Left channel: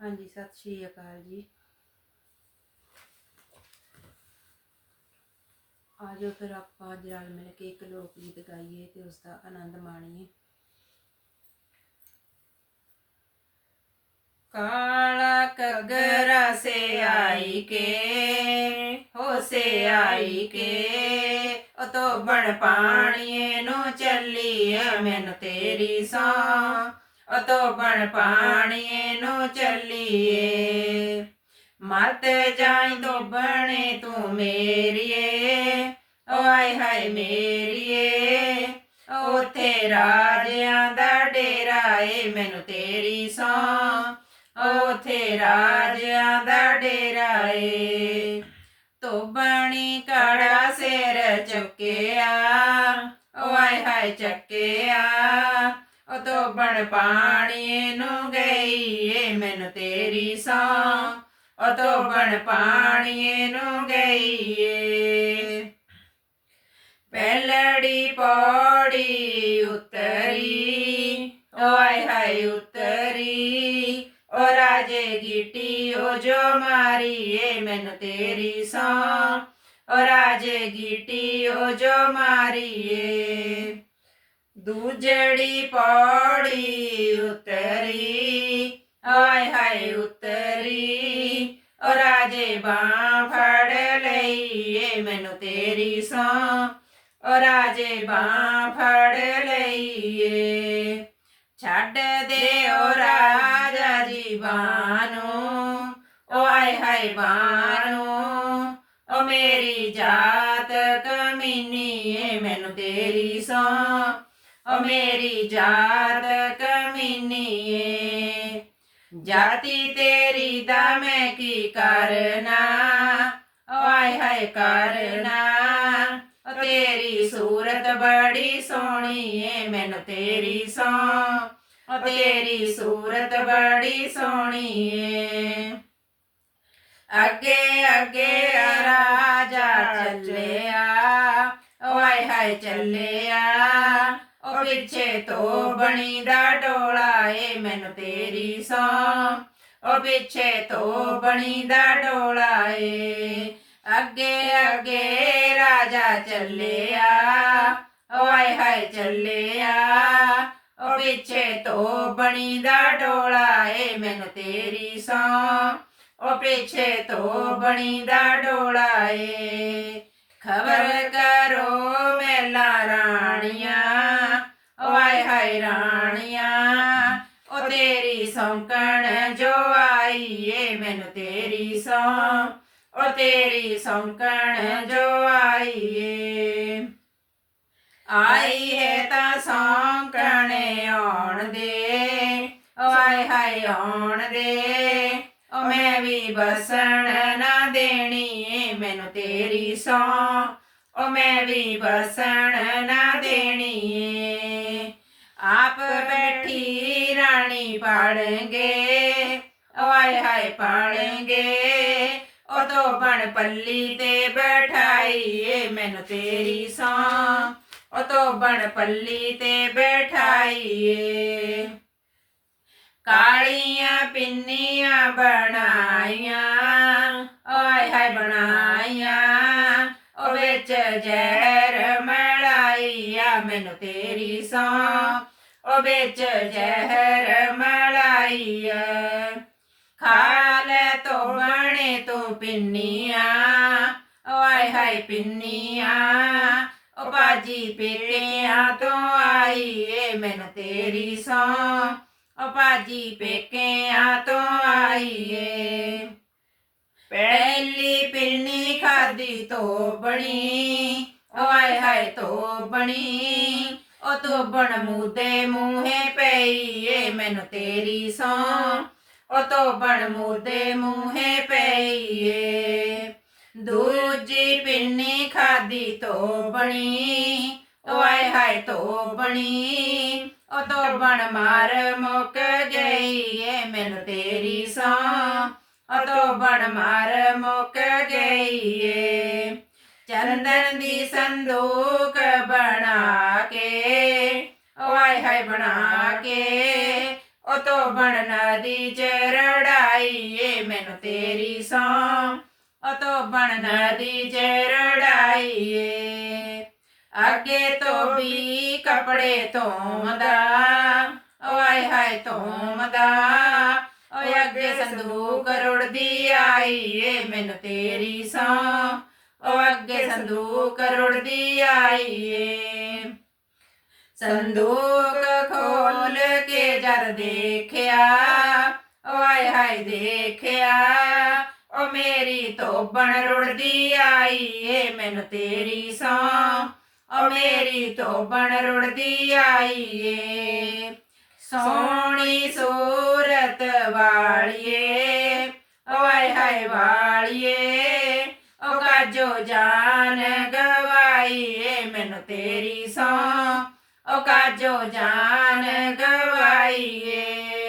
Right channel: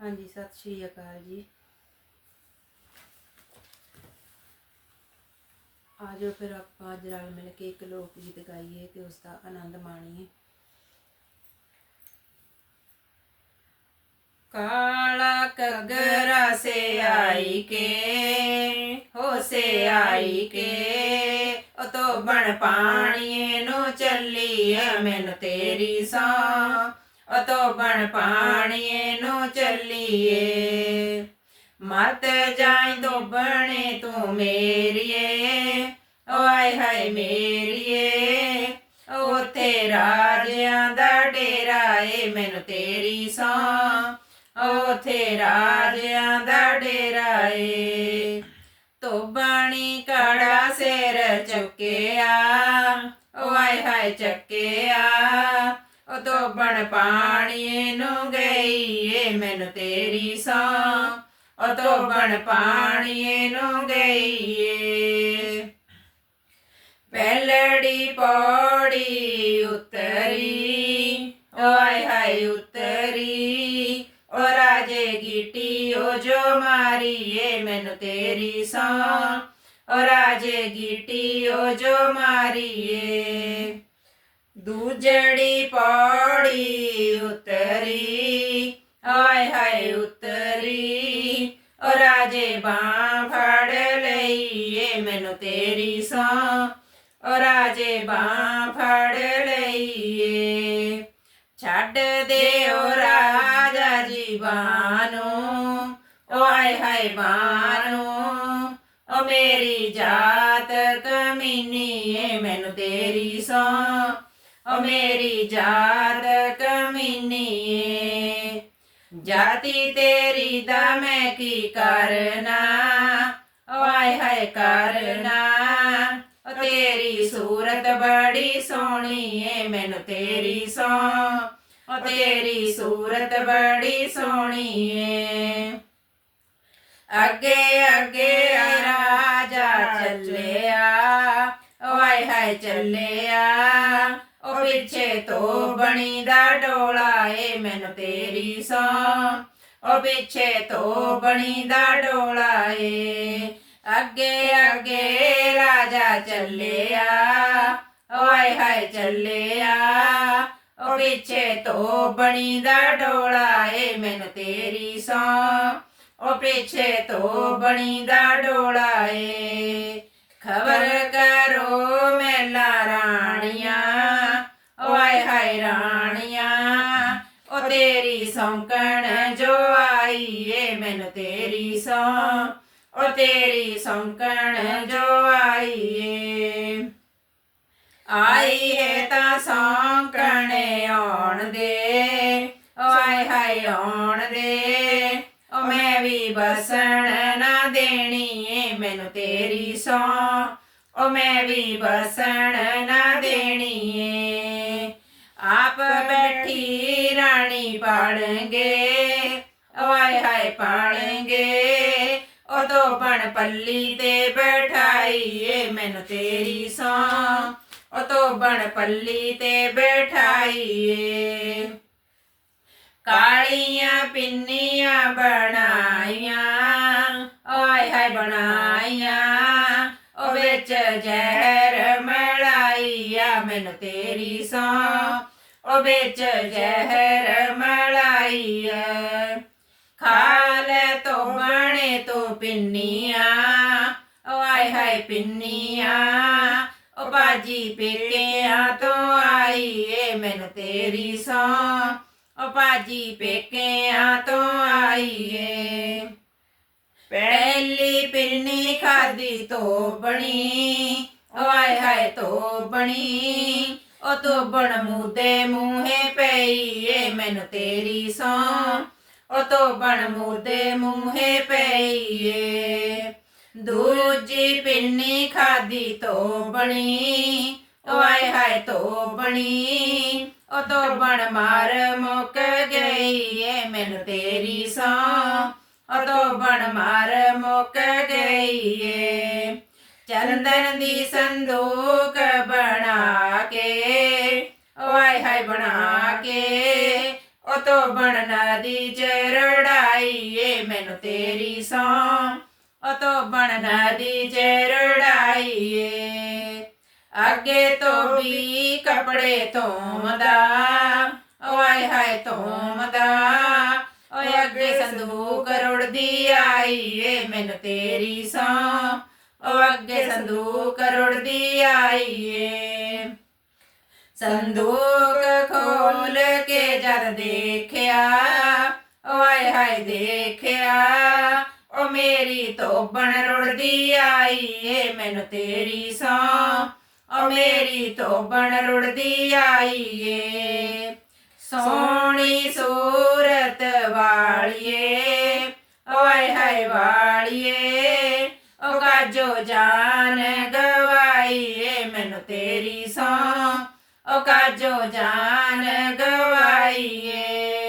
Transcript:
ਹਾਂਜੀ, ਸਤਿ ਸ਼੍ਰੀ ਅਕਾਲ ਜੀ। ਆਜੋ ਫਿਰ ਆਪਾਂ ਅੱਜ ਰਲ ਮਿਲ ਕੇ ਇੱਕ ਲੋਕ ਗੀਤ ਗਾਈਏ ਤੇ ਉਸ ਦਾ ਆਨੰਦ ਮਾਣੀਏ। ਕਾਲਾ ਕਗਰਾ ਸੇ ਆਈ ਕੇ, ਹੋ ਸੇ ਆਈ ਕੇ, ਉਹ ਤੋ ਬਣ ਪਾਣੀਏ ਨੂੰ ਚੱਲੀ ਚੱਲੀਏ ਮੈਨੂੰ ਤੇਰੀ ਸੌ। ਉਹ ਤੋ ਬਣ ਪਾਣੀਏ ਨੂੰ ਚੱਲੀਏ। ਮਤ ਜਾਈ ਤੋ ਬਣੇ ਤੂੰ ਮੇਰੀਏ। ਓ ਆਏ ਹਾਏ ਮੇਰੀਏ, ਉਥੇ ਰਾਜਿਆਂ ਦਾ ਡੇਰਾ ਏ ਮੈਨੂੰ ਤੇਰੀ ਸੌਂ। ਉਥੇ ਰਾਜਿਆਂ ਦਾ ਡੇਰਾ ਏ। ਤੋਬਣੀ ਕਾੜਾ ਸਿਰ ਚੱਕਿਆ। ਓ ਆਏ ਹਾਏ ਚੱਕਿਆ। ਓ ਤੋਬਣ ਪਾਣੀ ਨੂੰ ਗਈ ਏ ਮੈਨੂੰ ਤੇਰੀ ਸੌ ਓ ਤੋਬਣ ਪਾਣੀ ਨੂੰ ਗਈ ਏ ਪਹਿਲੜੀ ਪੌੜੀ ਉਤਰੀ ਓਏ ਹਾਏ ਉਤਰੀ। ਓ ਰਾਜੇ ਗੀਟੀ ਓ ਜੋ ਮਾਰੀਏ ਮੈਨੂੰ ਤੇਰੀ ਸੌ ਓ ਰਾਜੇ ਗੀਟੀ ਓ ਜੋ ਮਾਰੀਏ। ਦੂਜੜੀ ਪੌੜੀ ਉਤਰੀ ਓਏ ਹਾਏ ਉਤਰੀ ਓ ਰਾਜੇ ਬਾਹ ਫੜ ਲਈਏ ਮੈਨੂੰ ਤੇਰੀ ਸੌ ਓ ਰਾਜੇ ਬਾਹ ਫੜ ਲਈਏ। ਛੱਡ ਦੇ ਓ ਰਾਜਾ ਜੀ ਬਾਨੂੰ ਓ ਆਏ ਹਾਏ ਬਾਨੂੰ ਓ ਮੇਰੀ ਜਾਤ ਕਮੀਨੀ ਏ ਮੈਨੂੰ ਤੇਰੀ ਸੌ ਮੇਰੀ ਜਾਤ ਕਮੀਨੀ ਜਾਤੀ ਤੇਰੀ ਦਾ ਮੈਂ ਕੀ ਕਰਨਾ? ਓ ਹਾਏ ਕਰਨਾ। ਤੇਰੀ ਸੂਰਤ ਬੜੀ ਸੋਹਣੀ ਏ ਮੈਨੂੰ ਤੇਰੀ ਸੋ। ਓ ਤੇਰੀ ਸੂਰਤ ਬੜੀ ਸੋਹਣੀ ਏ ਅੱਗੇ ਅੱਗੇ ਰਾਜਾ ਚੱਲਿਆ। ਓ ਹਾਏ ਚੱਲਿਆ। ਪਿੱਛੇ ਤੋਂ ਬਣੀ ਦਾ ਡੋਲਾ ਏ ਮੈਨੂੰ ਤੇਰੀ ਸੌ। ਉਹ ਪਿੱਛੇ ਤੋਂ ਬਣੀ ਦਾ ਡੋਲਾ ਏ। ਅੱਗੇ ਅੱਗੇ ਰਾਜਾ ਚੱਲਿਆ। ਓ ਆਏ ਹਾਏ ਚੱਲਿਆ। ਉਹ ਪਿੱਛੇ ਤੋਂ ਬਣੀ ਦਾ ਡੋਲਾ ਏ ਮੈਨੂੰ ਤੇਰੀ ਸੌ। ਉਹ ਪਿੱਛੇ ਤੋਂ ਬਣੀ ਦਾ ਡੋਲਾ ਏ। ਖਬਰ ਕਰੋ ਮੇਲਾ ਰਾਣੀਆਂ। ਹਾਏ ਰਾਣੀਆਂ ਓ ਤੇਰੀ ਸੌਂਕਣ ਜੋ ਆਈ ਏ ਮੈਨੂੰ ਤੇਰੀ ਸੌ। ਓ ਤੇਰੀ ਸੌਂਕਣ ਜੋ ਆਈ ਏ ਆਈ ਹੈ ਤਾਂ ਸੌਂਕਣ ਆਉਣ ਦੇ ਓ ਆਏ ਹਾਏ ਆਉਣ ਦੇ। ਓ ਮੈਂ ਵੀ ਬਸਣ ਨਾ ਦੇਣੀ ਏ ਮੈਨੂੰ ਤੇਰੀ ਸੌ। ਓ ਮੈਂ ਵੀ ਬਸਣ ਨਾ ਦੇਣੀ ਏ ਬੈਠੀ ਰਾਣੀ ਪਾਣਗੇ ਓ ਆਏ ਹਾਏ ਪਾਣਗੇ ਓ ਤੋਂ ਬਣ ਪੱਲੀ ਤੇ ਬਿਠਾਈ ਏ ਮੈਨੂੰ ਤੇਰੀ ਸੌ ਓ ਤੋਂ ਬਣ ਪੱਲੀ ਤੇ ਬਿਠਾਈ ਕਾਲੀਆਂ ਪਿੰਨੀਆਂ ਬਣਾਈਆਂ। ਓਏ ਹਾਏ ਬਣਾਈਆਂ। ਉਹ ਵਿੱਚ ਜ਼ਹਿਰ ਮਲਾਈਆ ਮੈਨੂੰ ਤੇਰੀ ਸੌ ਉਹ ਵਿੱਚ ਜ਼ਹਿਰ ਮਲਾਈਆ ਖਾ ਲੈ ਤੋ ਬਣੇ ਤੂੰ ਪਿੰਨੀਆਂ ਆਏ ਹਾਏ ਪਿੰਨੀਆਂ ਓ ਬਾਜੀ ਪੇਕਿਆਂ ਤੋਂ ਆਈ ਏ ਮੈਨੂੰ ਤੇਰੀ ਸੌ ਓ ਬਾਜੀ ਪੇਕਿਆਂ ਤੋਂ ਆਈ ਏ ਪਹਿਲੀ ਪਿੰਨੀ ਖਾਦੀ ਤੋ ਬਣੀ ਓਏ ਹਾਏ ਤੋ ਬਣੀ ਓ ਤੋਂ ਬਣ ਮੂਦੇ ਮੂਹੇ ਪਈ ਏ ਮੈਨੂੰ ਤੇਰੀ ਸੌ। ਓ ਤੋਂ ਬਣ ਮੂਦੇ ਮੂਹੇ ਪਈ ਏ ਦੂਜੀ ਪਿੰਨੀ ਖਾਦੀ ਤੋਂ ਬਣੀ ਓਏ ਹਾਏ ਤੋਂ ਬਣੀ। ਓ ਬਣ ਮਾਰ ਮੁੱਕ ਗਈ ਏ ਮੈਨੂੰ ਤੇਰੀ ਸੌ। ਓ ਤੋਂ ਬਣ ਮਾਰ ਮੁੱਕ ਗਈ ਏ ਚੰਦਨ ਦੀ ਸੰਦੂਕ ਬਣਾ ਕੇ ਓਏ ਹਾਏ ਬਣਾ ਕੇ ਉਹ ਤੋਂ ਬਣ ਨਦੀ ਚ ਰੜਾਈਏ ਮੈਨੂੰ ਤੇਰੀ ਸੌ ਉਹ ਤੋਂ ਬਣ ਨਦੀ ਚ ਰੜਾਈਏ ਅੱਗੇ ਤੋਂ ਵੀ ਕੱਪੜੇ ਧੋਮਦਾ ਓਏ ਹਾਏ ਧੋਮਦਾ ਓਏ ਅੱਗੇ ਸੰਦੂਕ ਰੁੜਦੀ ਆਈ ਏ ਮੈਨੂੰ ਤੇਰੀ ਸੌ ਉਹ ਅੱਗੇ ਸੰਦੂਕ ਰੁੜਦੀ ਆਈ ਏ ਸੰਦੂਕ ਖੋਲ ਕੇ ਜਦ ਦੇਖਿਆ ਓਏ ਹਾਏ ਦੇਖਿਆ, ਉਹ ਮੇਰੀ ਤੋਬਣ ਰੁੜਦੀ ਆਈ ਏ ਮੈਨੂੰ ਤੇਰੀ ਸੌ। ਓ ਮੇਰੀ ਤੋਬਣ ਰੁੜਦੀ ਆਈ ਏ ਸੋਹਣੀ ਸੂਰਤ ਵਾਲੀਏ ਓਏ ਹਾਏ ਵਾਲੀਏ। ਓ ਕਾਜੋ ਜਾਨ ਗਵਾਈਏ ਮੈਨੂੰ ਤੇਰੀ ਸੋ। ਓ ਕਾਜੋ ਜਾਨ ਗਵਾਈਏ